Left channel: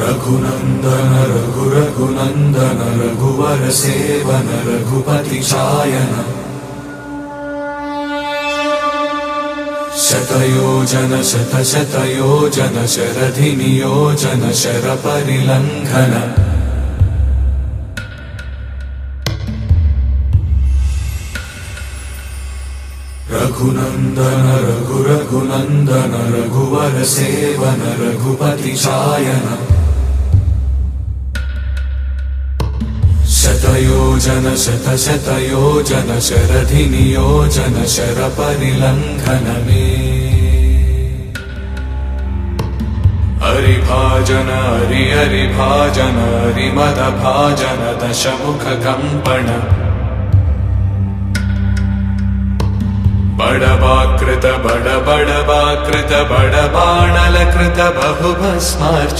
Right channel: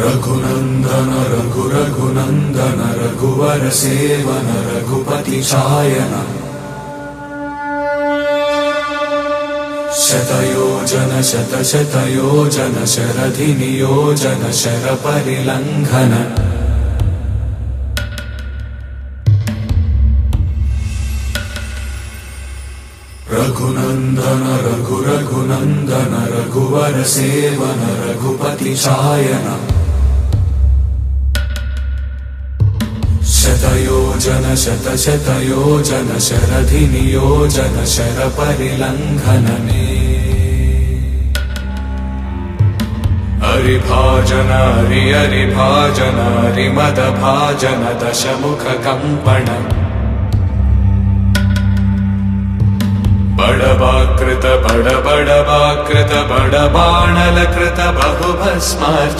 रघुनंदन रघुनंदन रघुवर सेवन रघुपति चायन शतयोजन शतशतयोजन शरधि नियोजन शर परिलंघन रघुनंदन रघुनंदन रघुवर सेवन रघुपति चायन शतयोजन शतशतयोजन शरधि नियोजन शर परिलंघन हरिभाजन हरिभाजन हरिमद भाजन दशमुख कंपन बड़वाकृत बड़वाकृत बड़बाणलकृत बहुभस्मार्च